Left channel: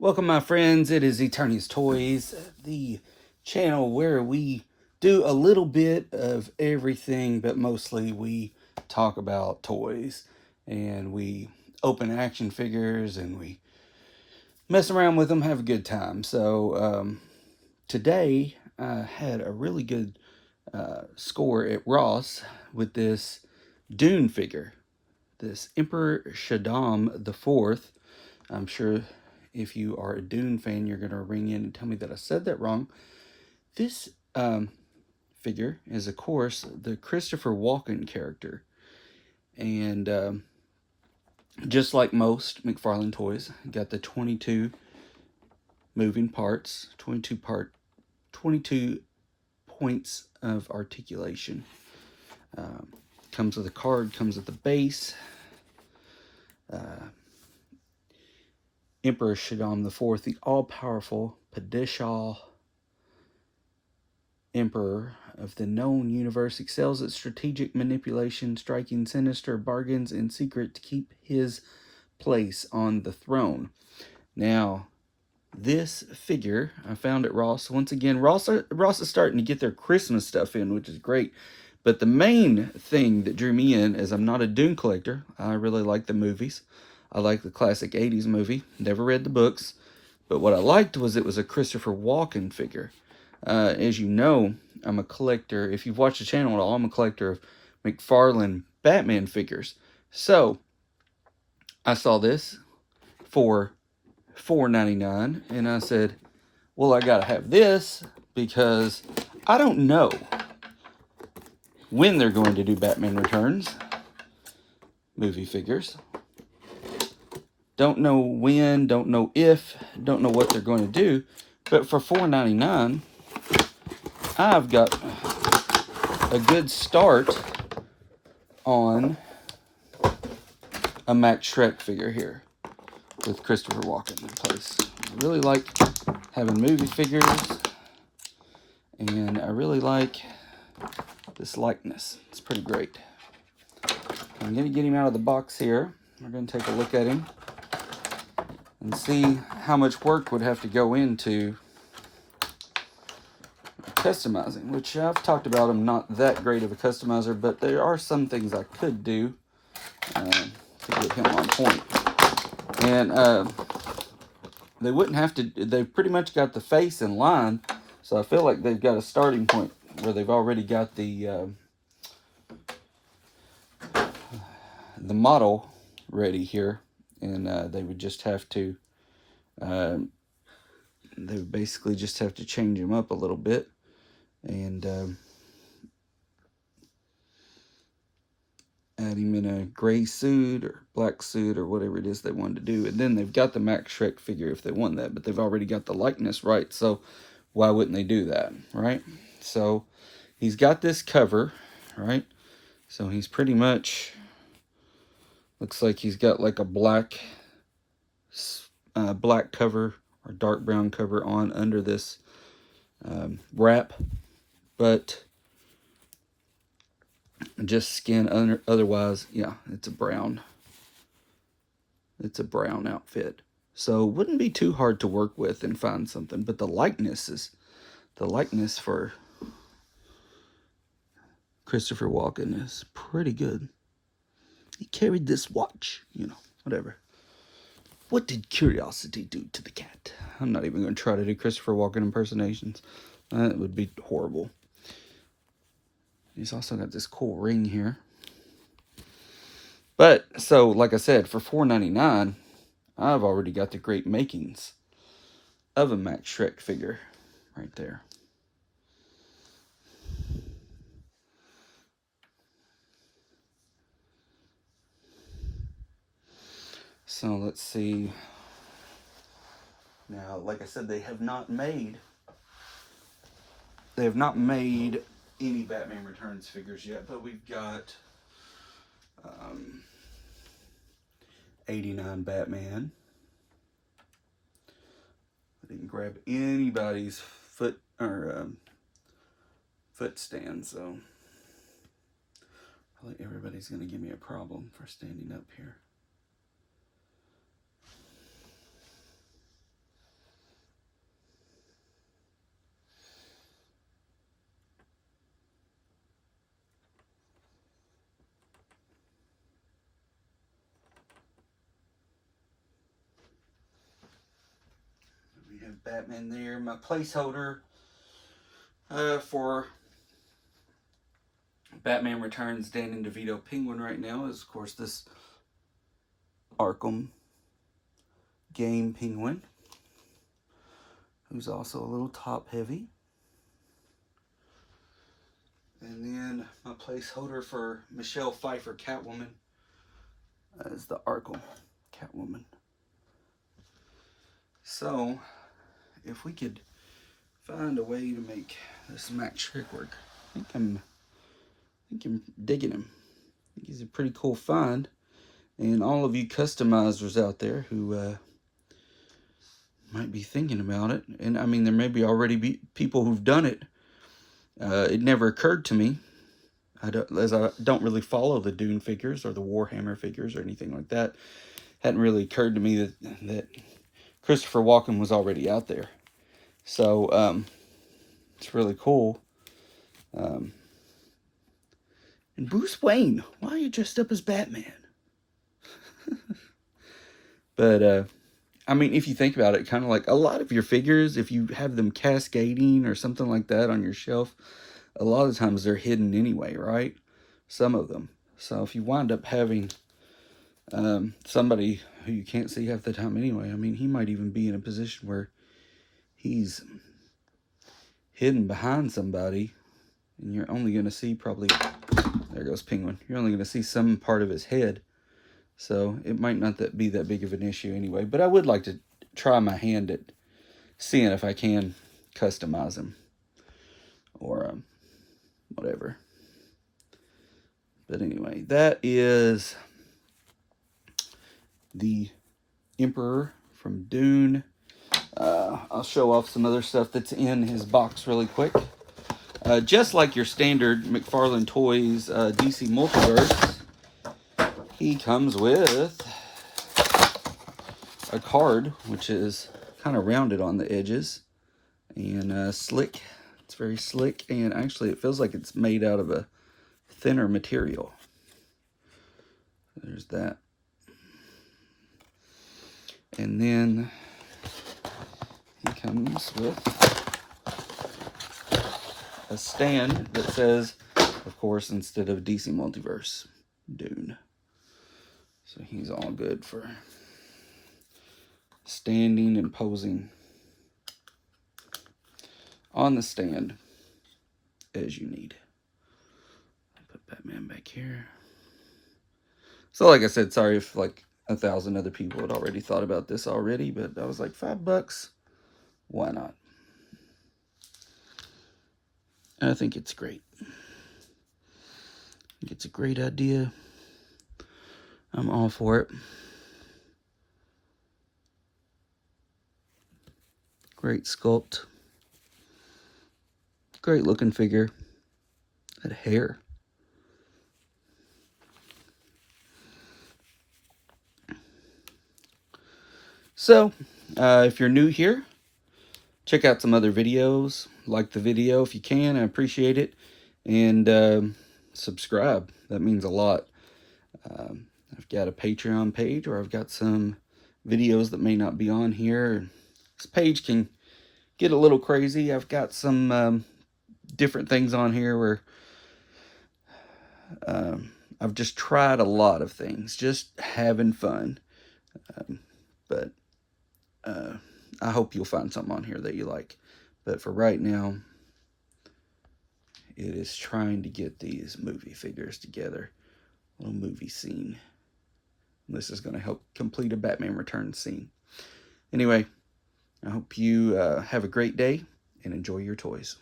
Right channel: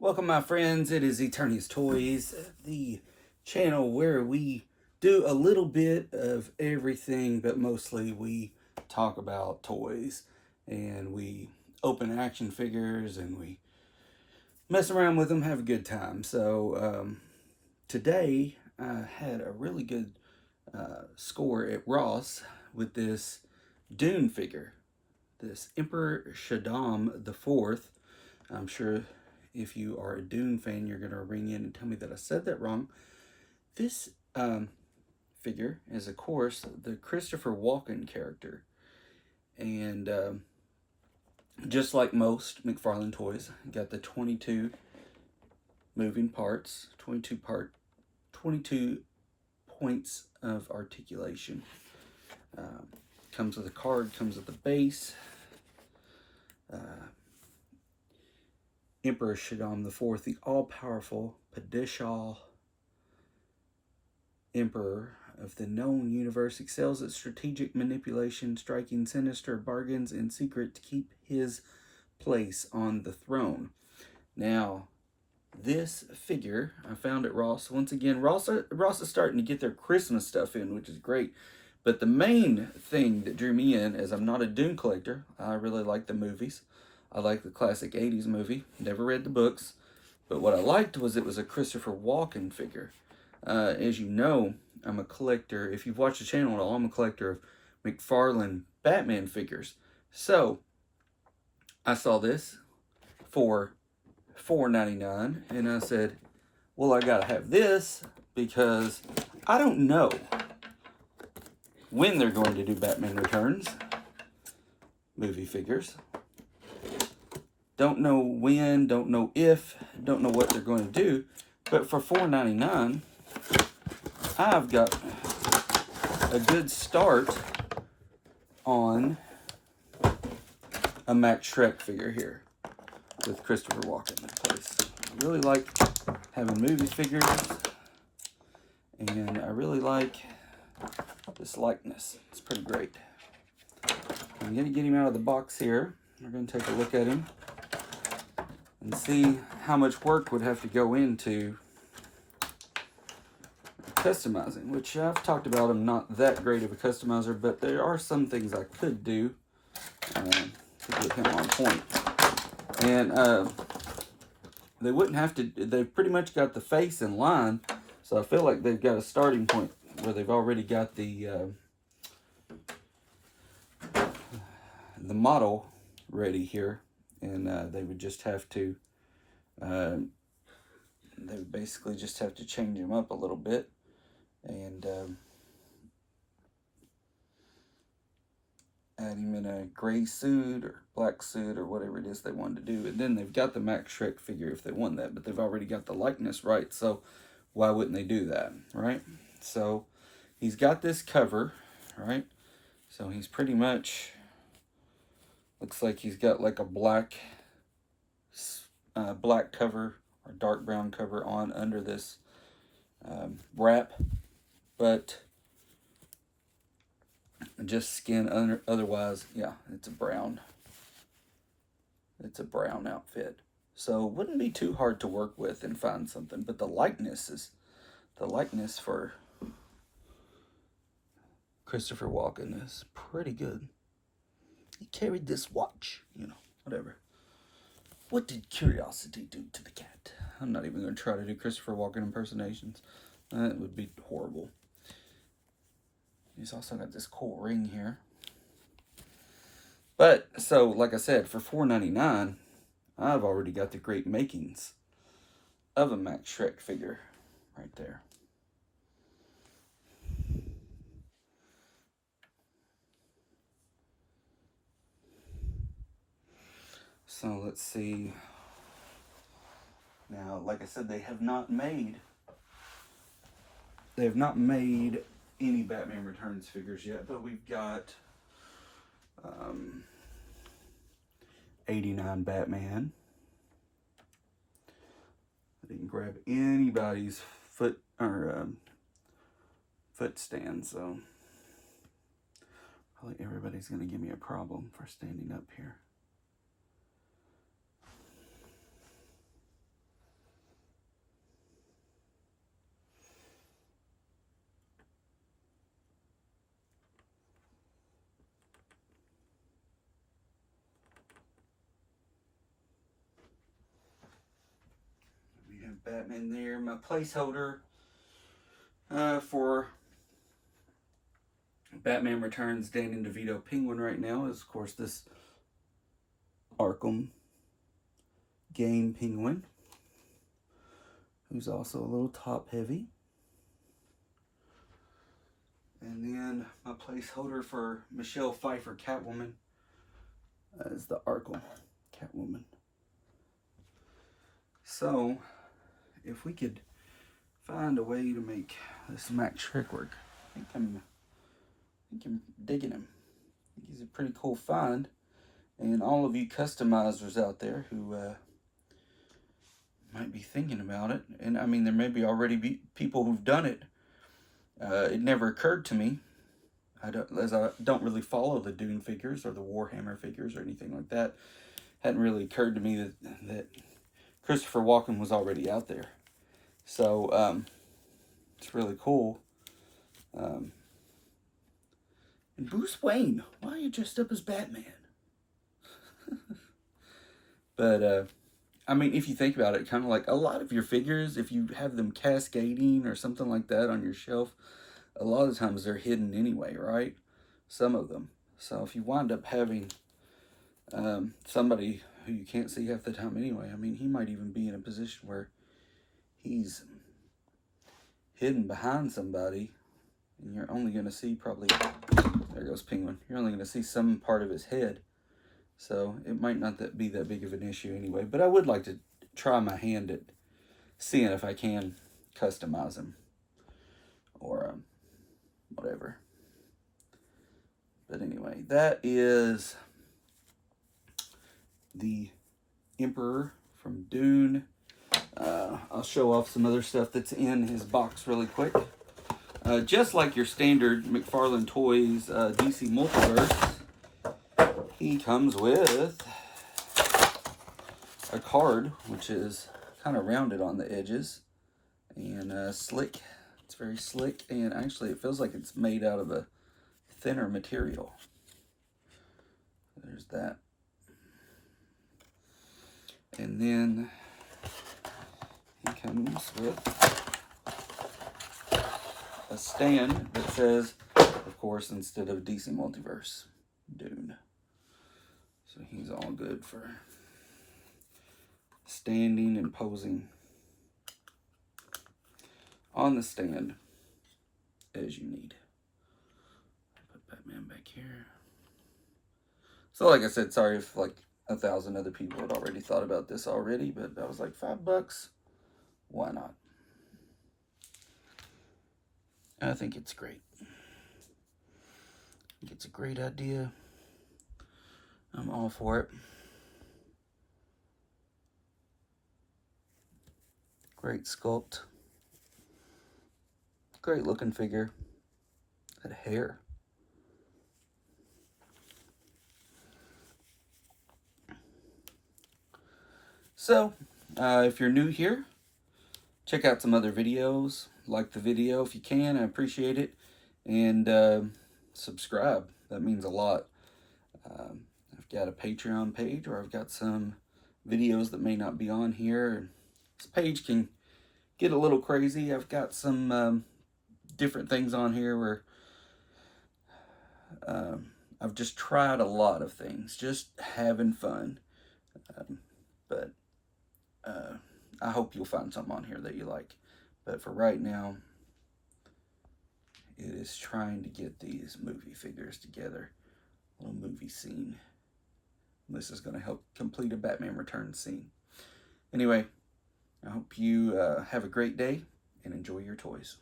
Welcome, my friends. It is Eternity's Toys, the channel where we do a little bit of everything, but mostly we talk about toys and we open action figures and we mess around with them, have a good time. Today I had a really good score at Ross with this Dune figure, this Emperor Shaddam the Fourth. I'm sure if you are a Dune fan, you're going to ring in and tell me that I said that wrong. This figure is, of course, the Christopher Walken character. And just like most McFarlane toys, got the 22 moving parts, 22 points of articulation. Comes with a card, comes with the base. Emperor Shaddam IV, the all-powerful Padishah Emperor of the known universe, excels at strategic manipulation, striking sinister bargains in secret to keep his place on the throne. Now, this figure I found at Ross. Once again, Ross is starting to get their Christmas stuff in, which is great. But the main thing that drew me in is I'm not a Dune collector. I really like the movies. I like the classic 80s movie. Never read the books. But what I liked was it was a Christopher Walken figure. As you know, I'm a collector. If you've watched the channel at all, I'm a collector of McFarlane Batman figures. So, I saw this for $4.99 and I said, well, I gotta have this because I don't know when they're going to do Batman Returns movie figures. Don't know when, don't know if, don't know what they're going to do. But for $4.99, I've got a good start on a Max Shrek figure here with Christopher Walken in place. I really like having movie figures, and I really like this likeness. It's pretty great. I'm going to get him out of the box here. We're going to take a look at him and see how much work would have to go into customizing, which I've talked about. I'm not that great of a customizer, but there are some things I could do to get him on point. And they wouldn't have to, they've pretty much got the face in line, so I feel like they've got a starting point where they've already got the model ready here, and they would just have to they would basically just have to change him up a little bit and add him in a gray suit or black suit or whatever it is they wanted to do. And then they've got the Max Shrek figure if they want that, but they've already got the likeness right, so why wouldn't they do that, right? So he's got this cover, right? So he's pretty much, looks like he's got like a black cover or dark brown cover on under this wrap, but just skin under. Otherwise, yeah, it's a brown outfit, so wouldn't be too hard to work with and find something. But the likeness for Christopher Walken is pretty good. He carried this watch, whatever. What did curiosity do to the cat? I'm not even going to try to do Christopher Walken impersonations. That would be horrible. He's also got this cool ring here. But, so, like I said, for $4.99, I've already got the great makings of a Max Shrek figure right there. So, let's see. Now, like I said, they have not made any Batman Returns figures yet, but we've got 89 Batman. I didn't grab anybody's foot stand, so probably everybody's going to give me a problem for standing up here. Batman there. My placeholder for Batman Returns Danny DeVito Penguin right now is, of course, this Arkham game Penguin, who's also a little top heavy. And then my placeholder for Michelle Pfeiffer Catwoman is the Arkham Catwoman. So, if we could find a way to make this Mac Shrek work, I think I'm digging him. I think he's a pretty cool find. And all of you customizers out there who might be thinking about it, and I mean, there may be already people who've done it. It never occurred to me, I don't really follow the Dune figures or the Warhammer figures or anything like that. Hadn't really occurred to me that Christopher Walken was already out there. So it's really cool. And Bruce Wayne, why are you dressed up as Batman? But I mean, if you think about it, kind of like a lot of your figures, if you have them cascading or something like that on your shelf, a lot of times they're hidden anyway, right? Some of them. So if you wind up having somebody who you can't see half the time anyway, I mean, he might even be in a position where he's hidden behind somebody, and you're only going to see probably, there goes Penguin, you're only going to see some part of his head. So it might not be that big of an issue anyway. But I would like to try my hand at seeing if I can customize him. Or whatever. But anyway, that is the Emperor from Dune. I'll show off some other stuff that's in his box really quick. Just like your standard McFarlane Toys DC Multiverse, he comes with a card, which is kind of rounded on the edges and slick. It's very slick, and actually it feels like it's made out of a thinner material. There's that. And then he comes with a stand that says, of course, instead of DC Multiverse, Dune. So he's all good for standing and posing on the stand as you need. Put Batman back here. So like I said, sorry if like 1,000 other people had already thought about this already, but I was like, $5, why not? I think it's great. I think it's a great idea. I'm all for it. Great sculpt. Great looking figure. That hair. So, if you're new here, check out some other videos. Like the video if you can. I appreciate it. And subscribe. That means a lot. I've got a Patreon page, or I've got some videos that may not be on here. This page can get a little crazy. I've got some different things on here where I've just tried a lot of things, just having fun. But I hope you'll find something on here that you like. But for right now, it is trying to get these movie figures together. A little movie scene. This is going to help complete a Batman Returns scene. Anyway, I hope you have a great day and enjoy your toys.